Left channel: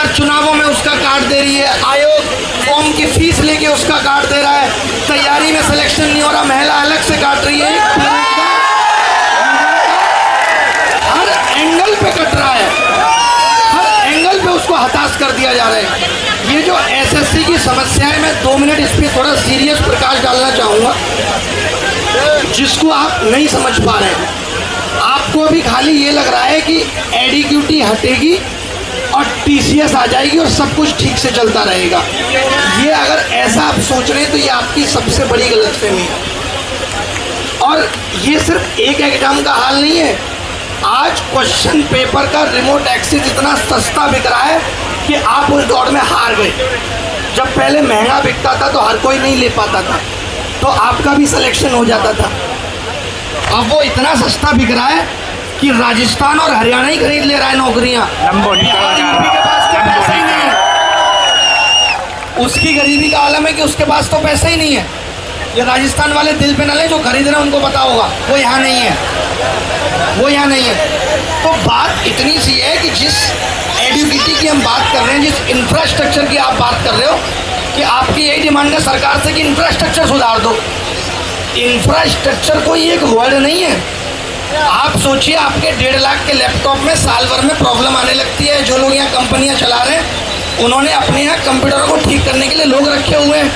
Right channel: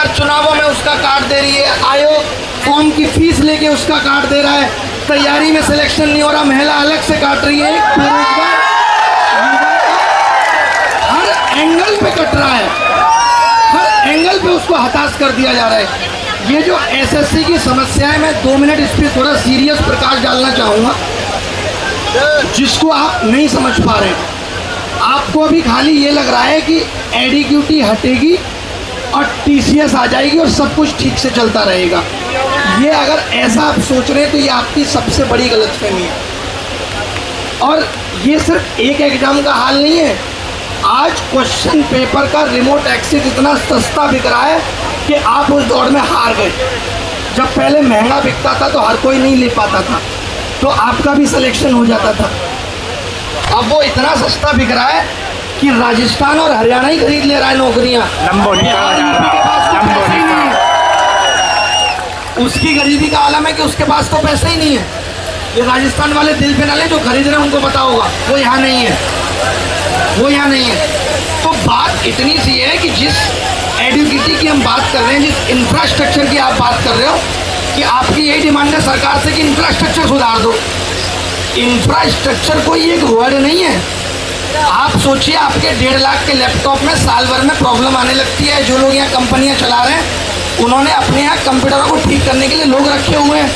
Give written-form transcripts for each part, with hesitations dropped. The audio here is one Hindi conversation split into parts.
सरकार चुनावों में उसका काट दे रही है, आयोग फॉर्म की फीस लेके उसका काट दे रहा है, तैयारी में सिलेक्शन नहीं हो रहा, महिला अलग से काट रही है, हर एंगल पे कट रहा है, हर एंगल पे उसको हताश कर दिया जा रहा है। ये जो एसएससी की समस्या है, मैं 2 मिनट इस पर थोड़ा सीरियस प्रकाश डालना चाहूँगा, जिसको आप नहीं समझ पा रहे हैं। आपको अभी खाली ये लग रहा है कि एडीक्यूटी हटेगी और टीसीएस आ जाएगी और सब कुछ ठीक से चलता रहेगा। ये अगर ऐसा आप सोच रहे हैं तो ये आपकी सबसे बड़ी गलतफहमी है। और ये सिर्फ एक एग्जाम का हाल नहीं है। आज क्वेश्चन पेपर का रिमोट एक्सेस इतना सस्ता बिक रहा है कि आप उस दौड़ में हार गए। जब पहले महंगा बिकता था तो हर कोई नहीं ले पाता था, तो आपका भी सिलेक्शन हो जाता था। अब वो इतना सस्ता बिक रहा है कि राजस्थान और हरियाणा ही खरीद ले रहा है नौकरियां। उसकी गरीबी का आलम है कि उसके पास तो पैसा ही नहीं है। ये राजस्थान वाले दिल पे ना ले, जो खरीद रहे हैं उनको पता होगा, वो यहाँ नहीं है, वो यहाँ नहीं है। तो बात इतनी सी है कि जिस एडुकेटी की हम बात कर रहे हैं, जिस इंफ्रास्ट्रक्चर की आप बात कर रहे हो, कि आपकी यही डिमांड है सरकार से कि इंफ्रास्ट्रक्चर सुधार दो। इंफ्रास्ट्रक्चर कोई एक वर्ड नहीं है। आप सोचिए, आपके 1.5 लाख के लैपटॉप में साल भर में प्रॉब्लम आने लगती है। जो लोग यहाँ कंपनियाँ चला रहे हैं, उन्होंने अपने यहाँ कंप्यूटरों को ठीक करने के लिए लोग रखे हुए हैं,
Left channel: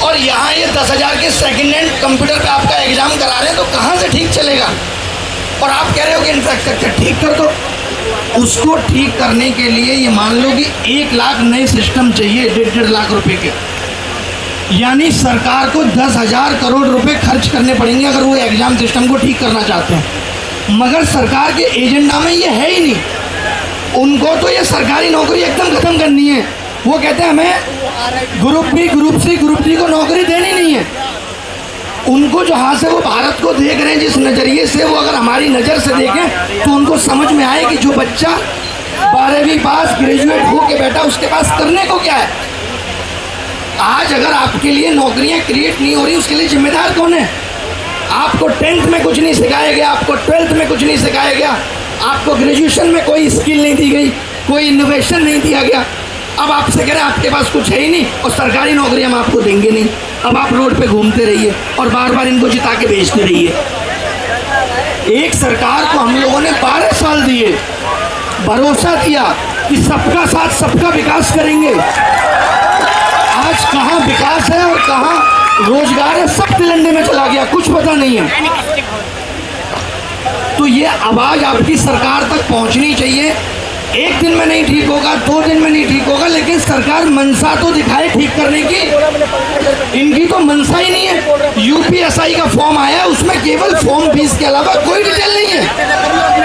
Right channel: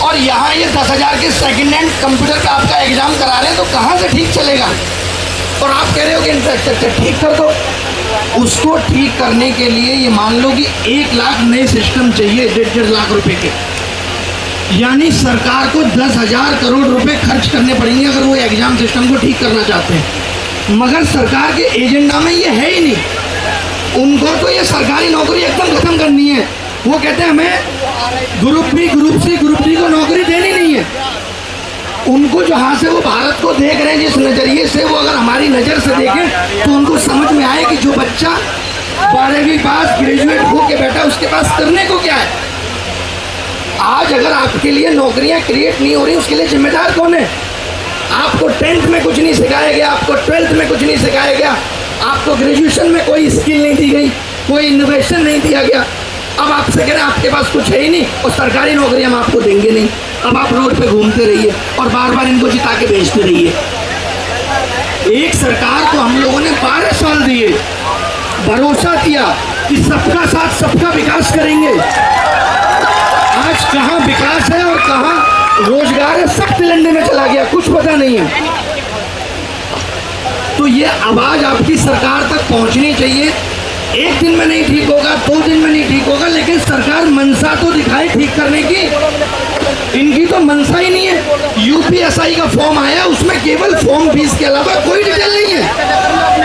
और यहाँ ये 10,000 के सेकेंड हैंड कंप्यूटर पे आपका एग्जाम करा रहे हैं, तो कहाँ से ठीक चलेगा? और आप कह रहे हो कि इंफ्रास्ट्रक्चर ठीक कर दो। उसको ठीक करने के लिए ये मान लो कि 1 लाख नए सिस्टम चाहिए, 1.5 लाख रुपए के, यानी सरकार को 10,000 करोड़ रुपए खर्च करने पड़ेंगे अगर वो एग्जाम सिस्टम को ठीक करना चाहते हैं। मगर सरकार के एजेंडा में ये है ही नहीं। उनको तो ये सरकारी नौकरी एकदम खत्म करनी है। वो कहते हैं हमें group B, group C, group D को नौकरी देनी नहीं है। उनको जहाँ से वो भारत को देख रहे हैं, जिस नज़रिए से, वो अगर हमारी नज़र से देखें तो उनको समझ में आए कि जो बच्चा 12वीं पास ग्रेजुएट हो के बैठा, उसके पास करने को क्या है। आज अगर आपके लिए नौकरियां क्रिएट नहीं हो रही, उसके लिए जिम्मेदार कौन है? आपको 10th में कुछ नहीं सिखाया गया, आपको 12th में कुछ नहीं सिखाया गया, आपको ग्रेजुएशन में कोई स्किल नहीं दी गई, कोई इनोवेशन नहीं दिया गया। अब आपसे कह रहे हैं आपके पास कुछ है ही नहीं और सरकारी नौकरी हम आपको देंगे नहीं। अब आप रोड पे घूमते रहिए और बार बार इनको जिता के भेजते रहिए। एक सरकार को हम लोगों ने 12 साल दिए, भरोसा दिया कि सबका साथ सबका विकास करेंगे। आज कहाँ विकास है और कहाँ रोजगार है, सब तिलंडे में चला गया, कुछ पता नहीं है। तो ये आवाज आपकी सरकार तक पहुंचनी चाहिए। एक दिन में नहीं ठीक होगा, 2 दिन में नहीं ठीक होगा, लेकिन सरकार मनसा तो दिखाए ठीक करने की। इनकी तो मनसा ही नहीं है। यूपीएसआई का फॉर्म आया, उसमें केवल फॉर्म फीस के अलावा कोई डिटेल नहीं है।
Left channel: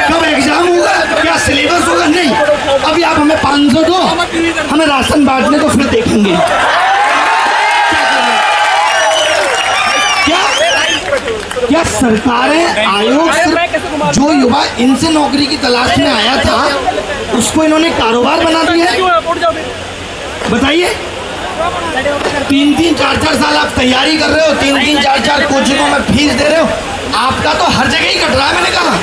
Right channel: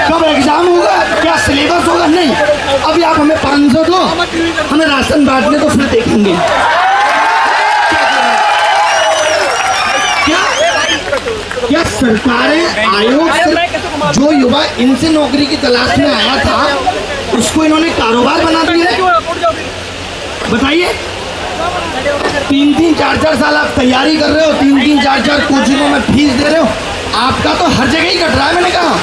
कब एग्जाम होगा, क्या सिलेबस होगा, नहीं। अभी आप हमें 500 दो, हमें राशन बांटने तो फिर देखेंगे। क्या सरकारें, आयोग सिर्फ जो युवा इनसे नौकरी की तलाश में आया था उसको इन्होंने कारोबार बना दिया है? बताइए, 3-3, 4-4 साल आप तैयारी कर रहे हो, 3-3, 4-4 कोचिंगों में फीस दे रहे हो, आपका तो हर जगह ही कट रहा है। मैंने कहा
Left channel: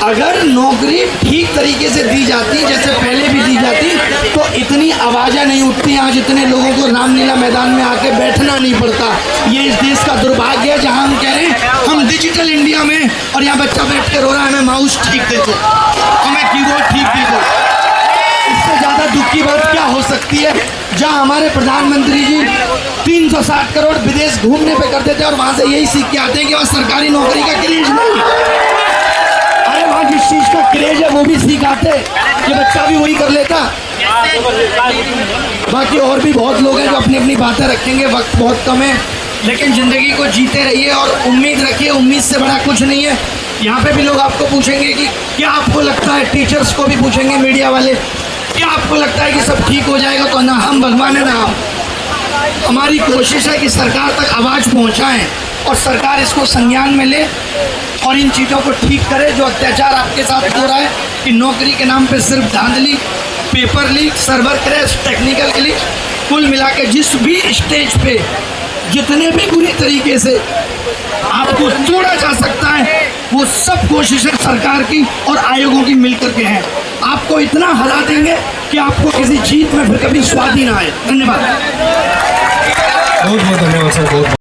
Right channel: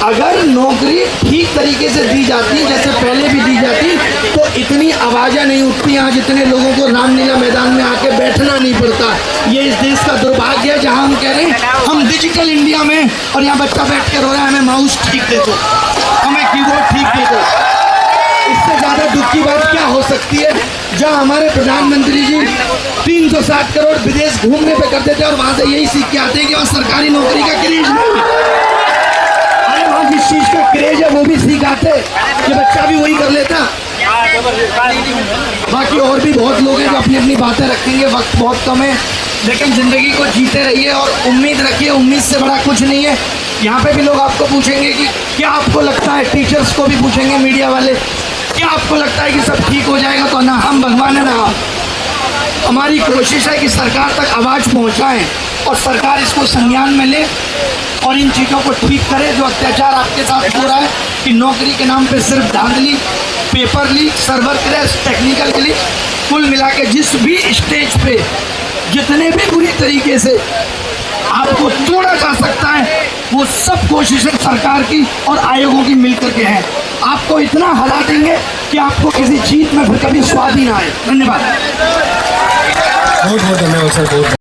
अगर नौकरी ठीक तरीके से दी जाती, जैसे पहले भी दी जाती, तो इतनी आवाज़ें नहीं उठती। आज इतने लोगों को रामलीला मैदान में आके बैठना नहीं पड़ता। ये इस देश का दुर्भाग्य है, जहां हम कह रहे हैं हम डिजिटल इंडिया में, और यहाँ बच्चा बैठ के रो रहा है हमें माउस ठीक दे दो, हमें कीबोर्ड ठीक दे दो। इससे ज़्यादा दुख की बात क्या हो सकती है? जहाँ हमारे प्रधानमंत्री जी 360 करोड़ विदेश घूमने पे कर देते हैं और वहाँ से यही सीख के आते हैं कि वहाँ सरकारी नौकरी का क्रेज नहीं है। जिस चीज का क्रेज है वो भी सिखाते कि बच्चा भी वही कर लेता। बाकी और भी बहुत लोग हैं जो अपनी अपनी बातें रखेंगे, वक्त बहुत कम है, लेकिन जिंदगी को जीते रहिए और उम्मीद रखिए। उम्मीद से बड़ा कुछ नहीं है। यहाँ पे भी लोग आपको पूछेंगे कि क्या आपको लगता है, टीचर्स को भी पूछेंगे मीडिया वाले, क्या आपको लगता है कि सब ठीक हो जाएगा? तो ना हम भगवान है ना आप। हमारी कोशिश है कि सरकार तक आवाज़ पहुँचाएँ और सरकार इसको संज्ञान में ले और इन चीज़ों को ठीक करे। जो अत्याचार आपके साथ हो रहा है कि नौकरी के नाम पे सिर्फ धांधली, paper leak, server crash, technical leak, कुल मिला के जिस भी स्टेज पे जितने भी बुरी तरीके से आपको तोड़ा जा सकता है, वो सब कोशिशें सरकार की और आयोगों की मिलकर के हैं। आपको इतना हरा देंगे कि आपको किसी जीत में फिर कभी स्वाद ही ना आए। धन्यवाद। बहुत बहुत धन्यवाद सर। बहुत